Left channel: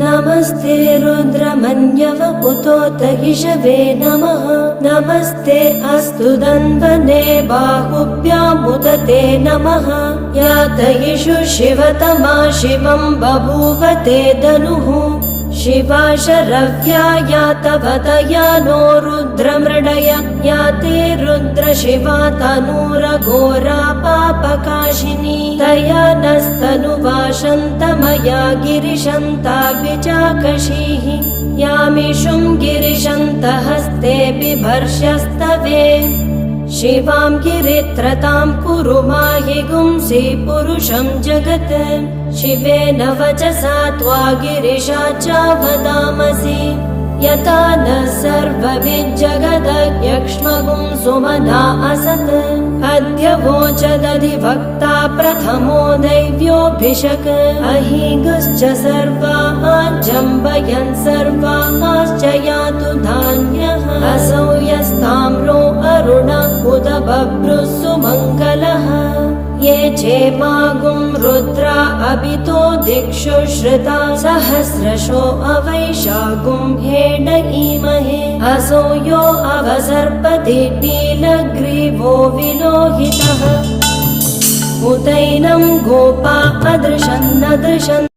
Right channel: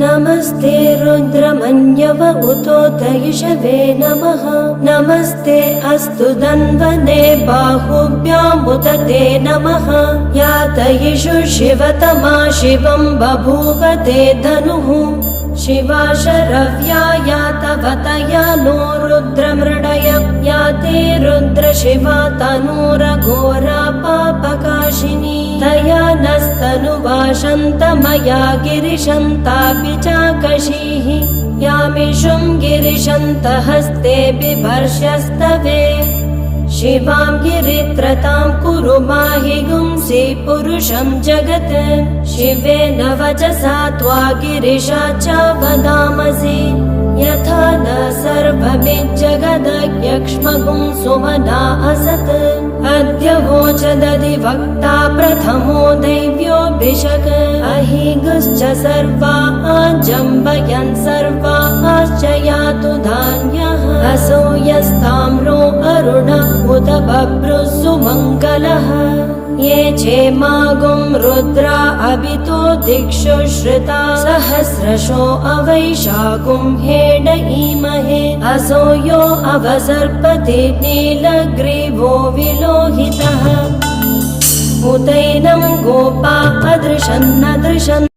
नमस्ते रुद्रमन्यव उतोतयिषवे नमः। नमस्ते अस्तु धन्वने बाहुभ्यामुत ते नमः। यातयिषु शिवतमा शिवं बभूव ते धनुः। शिवा शरव्या यातवतया नो रुद्रमृडय। याते रुद्र शिवा तनूरघोरा पापकाशिनी। तया नस्तनुवाशन्तमया गिरिशन्तापि चाकशीः। यामिषुं गिरिशन्तहस्ते बिभर्ष्यस्तवे। शिवां गिरित्रतां कुरु माहि गुंसि पुरुषं जगत्। शिवेन वचसा त्वा गिरिशा च वदामसि। यथा न सर्वविज्जगदयक्ष्मगुं सुमना असत्। अद्य वोचदधिवक्ता प्रथमो दैव्योऽभिषक्। अहिगश्च सर्वाजम्बयन् सर्वाश्च यातु धान्यः। असौ यस्ताम्रो अरुण उदबभ्रुः सुमङ्गलः। ये चेमागुं रुद्रा अभितो दिक्षु श्रुता। सहस्रशो अवैशागुं हेण ईमहे। असो यो अवसर्पति नीलग्रीवो विलोहितः। उदैनं गोपा अदृशन्नदृशन्